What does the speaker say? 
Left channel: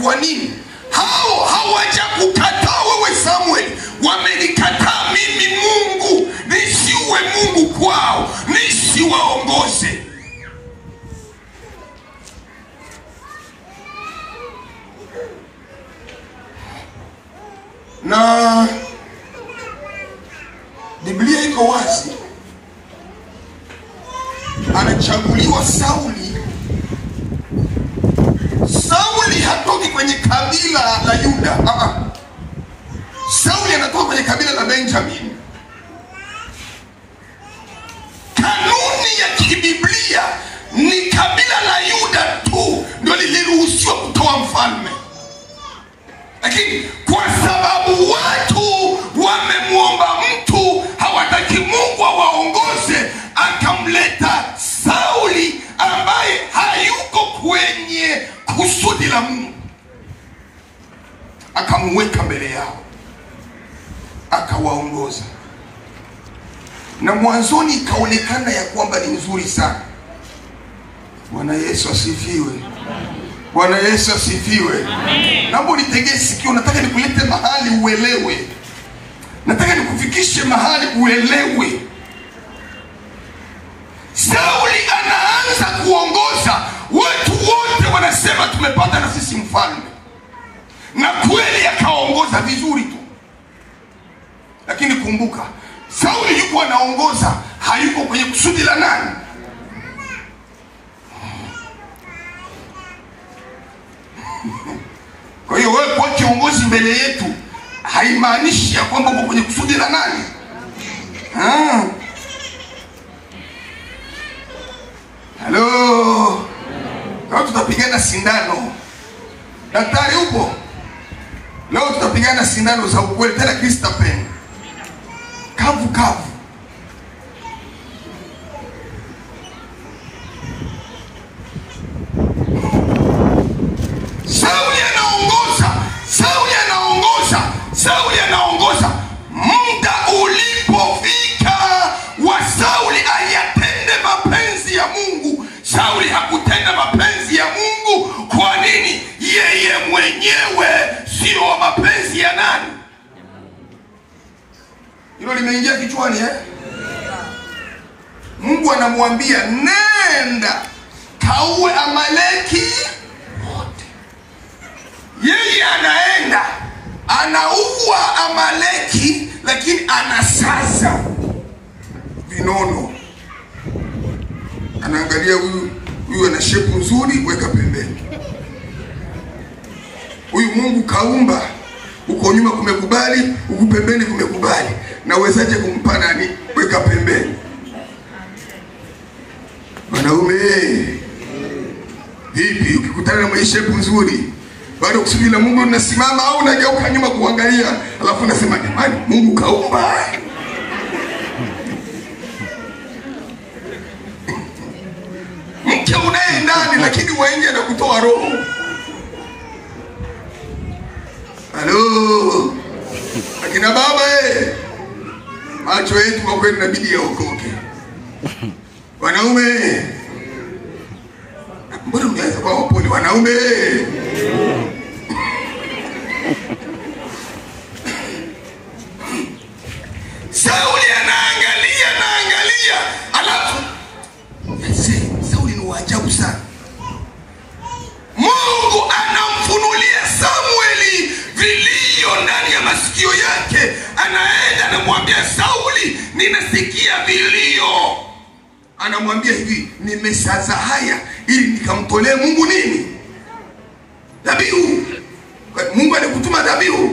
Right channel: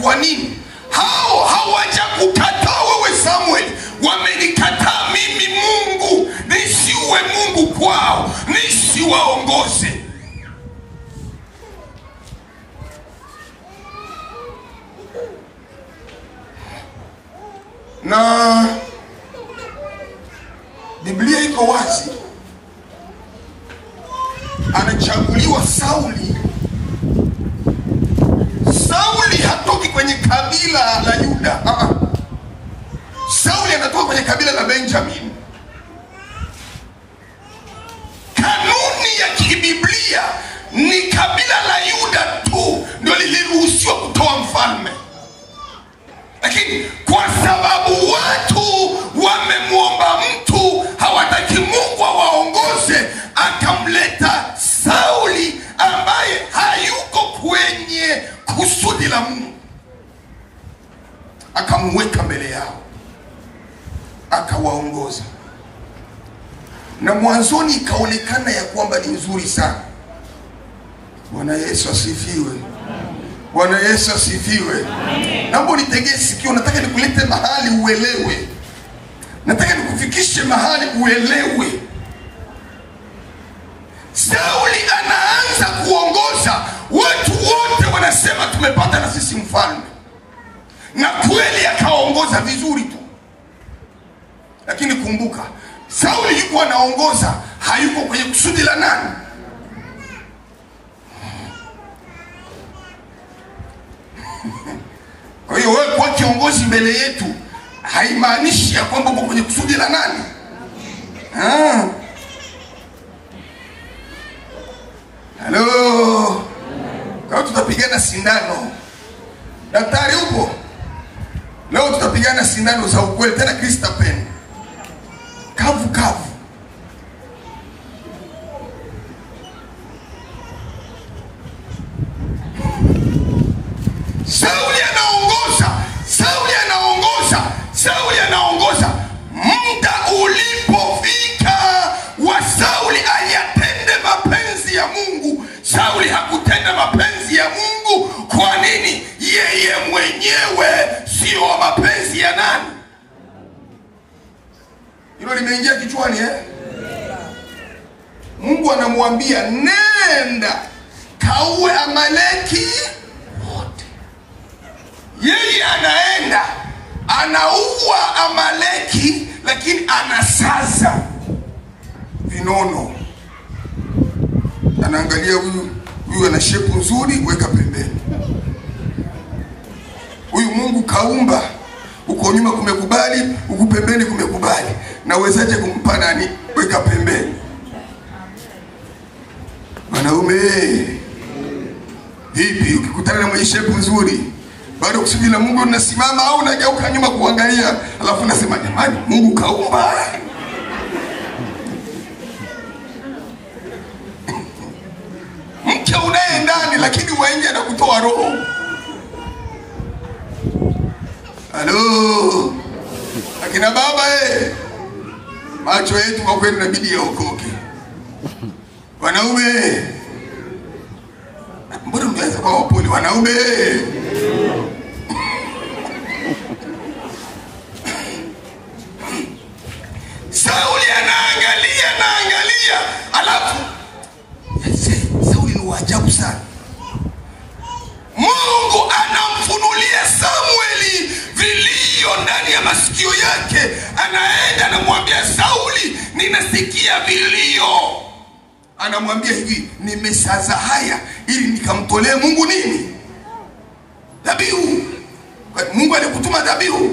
Kwa nini? Hao hawajakukataa wewe Samuel, wamenikataa mimi Mungu, nisiwe Mungu kwao, nisiwaongoze. Na Biblia iko wazi, anachaguliwa Sauli. Sauli hatoki kwenye kabila la Yuda. Sauli anatoka kwenye kabila la Benjamin. Kanuni ya kibiblia ni kabila la Yuda tu ndio liliruhusiwa kutoa mfalme. Lakini kwa sababu watu wamemwomba mtu, hawataki Mungu awaongoze, akamleta Sauli ambaye hayuko kwenye kusudi la Mungu, akamweka mbele yao, akawaongoza. Na mwanzoni ikaonekana ya kwamba ni nzuri sana. Bwana Yesu asifiwe. Bwana Yesu asifiwe. Naomba nitegee sikio, nataka nikulete mahali uelewe. Nataka nikufikishe mahali uelewe. Sauli anaanza kuongoza, watu wote wanasema tumepata na sisi mfalme. Na kweli akaongoza vizuri tu. Lakini kumbuka, Sauli yuko anaongoza, hayuko kwenye kusudi la nani? Kwa hiyo wewe kwa kiongozi mbele yetu haimaanishi ya kwamba uko kwenye kusudi la nani? Halo. Leo tutapigana sindano. Daktari upo? Leo tutapigana sindano za ukweli, tena Kristapen. Kavu kavu. Sauli anaongoza. Muda ulipofika wa Sauli ayatende mapenzi ya Mungu, Sauli hakutenda mapenzi ya Mungu. Kwa nini? Yeye mwenyewe sio mapenzi ya nani? Hilo limeingia kichwani Mungu anamwambia nenda kaue Amaleki wote. Yeye anaenda anaua Amaleki, lakini anasaza vinono. Anaangalia huyu ana shepu nzuri, weka pembeni. Huyu Mungu kaumba, uko nyuma kumekubali, uko pembeni kumekubali. Na wezaje kumpa nani? Weka pembeni. Wanaume, vipi ukikutana na mwenye shepu nzuri, bado kusudi la Mungu unasimama au unageuka nyuma kuangalia, alafu unasema jamani Mungu kaumba? Mke unaye ndani lakini mwenye anakutoa roho. Halo. Akina baba macho yetu kwa kweli inabidi yaokoke. Wanaume, mbona mnaanza kwa wapole wanaume? Sauli anaangalia, alafu Sauli ni waajabu sana. Mungu anamfunulia Samueli vilio ndani ya masikio yake. Anaenda anamwambia Sauli, ninasikia vilio. Anamwambia hivi, nimesaza haya ili nikamtolee Mungu nini? Dhabihu. Mungu alikutuma dhabihu.